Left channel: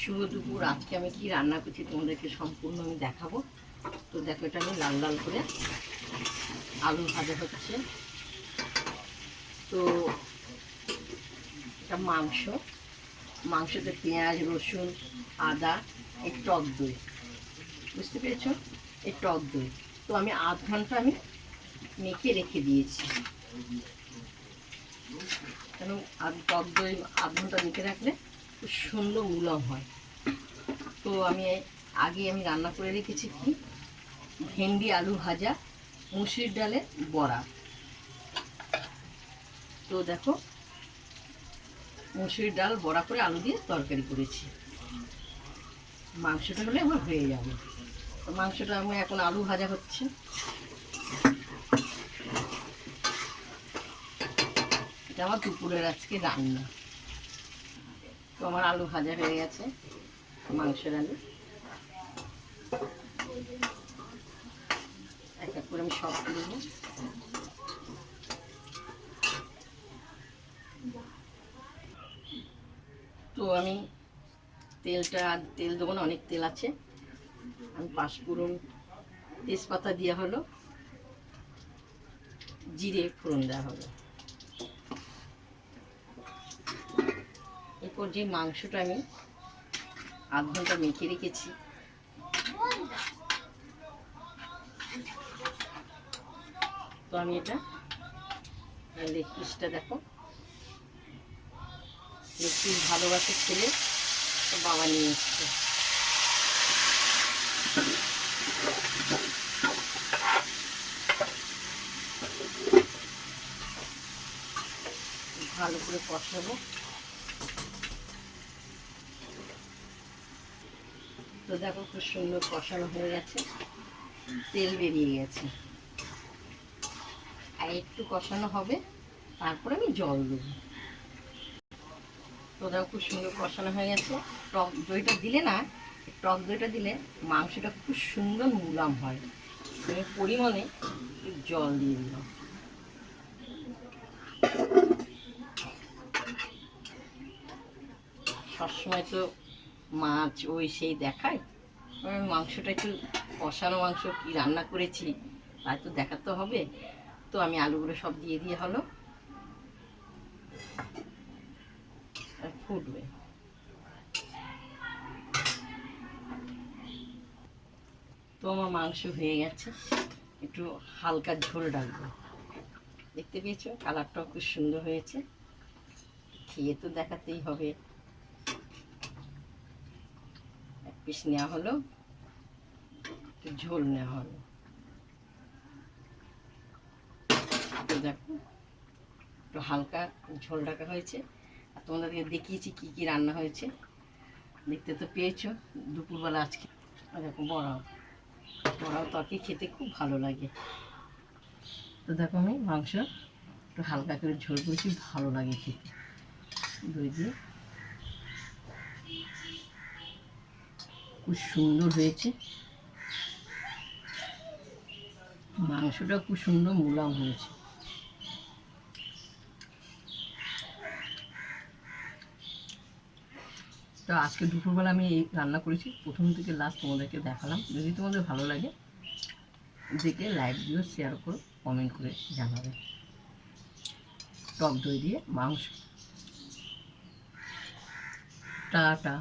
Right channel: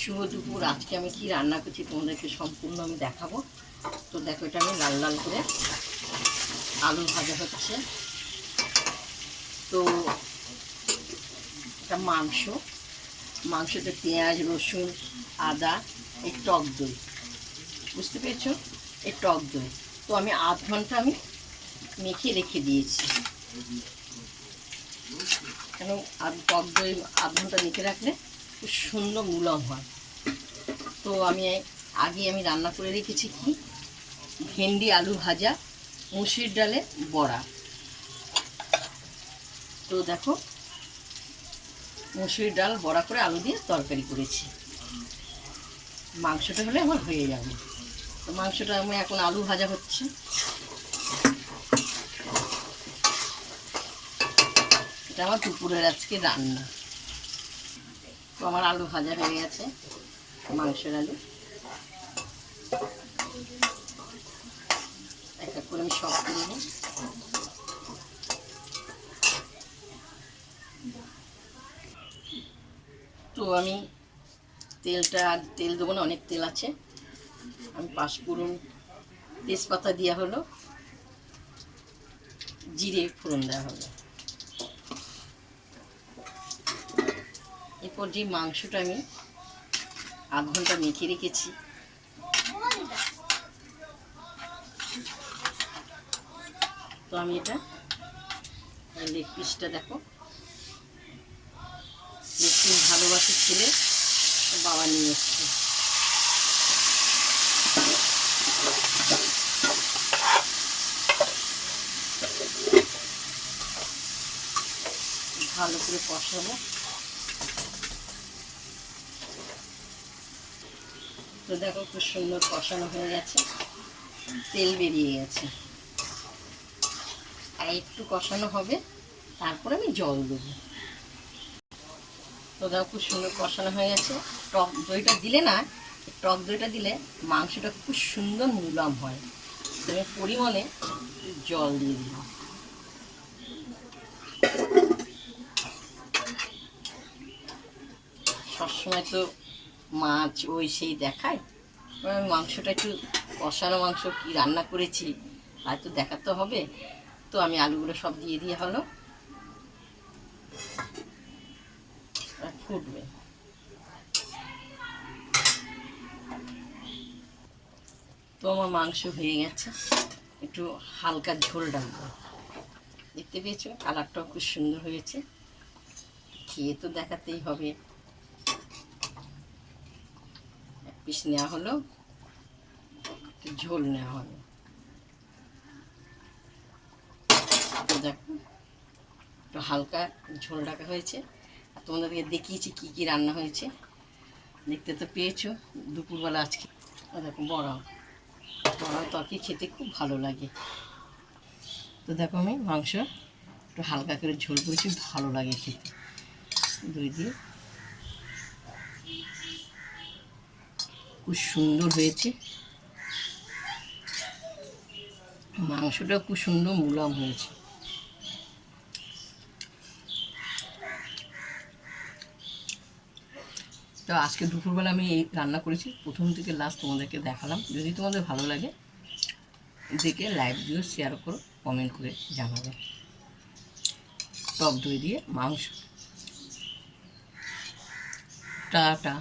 শুভ দুপুর। আজকে আমি কি রান্না করছি তোমাদেরকে সম্পূর্ণ আমি দেখাবো। তো দেখো, এটা আমি লাল লাল করে আলু ভাজা হচ্ছে। তো এটা মাংসতে পেঁয়াজ, রসুন, আদা, এই টক দই, বুঝতে পেরেছো, এই টক দই। তো আমি আধ ঘন্টা আমি মেখে রেখে দিয়েছি, কেন টক দই আধ ঘন্টা মেখে রাখলে খুব সুন্দর মুলাম হয়। তো আগে আমি রান্না করে রেখেছি কি, ভেন্ডি আলু ভাজা, মুসুর ডালে বড়া। তো দেখো, মুসুর ডাল বড়া করে আলু দিয়ে তরকারি করেছি। মাংসটা হলে আমার হয়ে যাবে। তো মাংসটা আমার এখন আলু ভাজা হচ্ছে। এটা আমার দুপুরের আজকে রান্না। তো আমার আলু ভাজা হয়ে গেছে, মাংসের আলু। এক এক করে আমি সব দেব। তো আমি তেল দেবো না, অনেক তেল আছে। আমি পাঁচফোড়ন, তেজপাতা দেওয়া হলো, জিরে ফোড়ন দেওয়া হলো। এরপর যে মাংসটা আমি আধ ঘন্টা মেখে রেখেছি, তো আমি এটা লেগ পিসটা দেখো, লেগ পিস ভালোবাসে ছেলে, তো বাবা নিয়ে এসছে। ভালো করে কষাবো। তো দেখো, খুব সুন্দর কষানো হয়ে গেছে, তেল বেরিয়ে গেছে। আর একটু কষানো হবে, তারপরে আমি জল দেবো। তো দেখো, খুব সুন্দর কষানো হয়ে গেছে। টক দইটা দিলে না, টক দইটা দিলে মাংসটা খুব সুন্দর মুলাম হয়। তুমি পরিমাণে জল দিয়ে দিলাম। সবসময় তো মাছ ওই সেই দেখায়, আমি মাংসটা একটু কষানো মাংস কি রান্না করেছি তাই তো দেখাতে হবে। তো আমি আলুগুলো সব দিয়ে হলো, ফুটবে। তো আমার মাংস হয়ে গেছে, একটু হালকা ঝোল ডাকবো। দেখতে পেয়েছো, কালারটাও খুব সুন্দর হয়েছে। খেয়ে তো দেখাতেই হবে। এক পিস নেওয়া হলো, একটু ঝোল নেওয়া হলো। তো দেখো, একটু হালকা ঝোল ডাকা হয়েছে। আর তোমাদেরকে দেখিয়েছি কি কি রান্না হয়েছে, দেখতে তো পেয়েছো দুপুরবেলা আজকে। দেখো, বড়াও তরকারি খেতে খুব ভালো লাগে। তো দেখো, আমি মাংস একটু হালকা করে ঝোল করেছি, ভালো লাগে খেতে দই দিয়ে। খুব সুন্দর হয়েছে, মাংসটা খুব সুন্দর মুলাম হয়েছে। তো আজকে দুপুরবেলা আমি এই রান্না করেছি, প্রথম থেকে লাস্ট তোমাদেরকে দেখালাম। যদি তোমাদের ভালো লাগে দেখে লাইক দিও, শেয়ার করো, কমেন্ট করে জানাবে। টক দই দিয়ে মাংস। টাটা।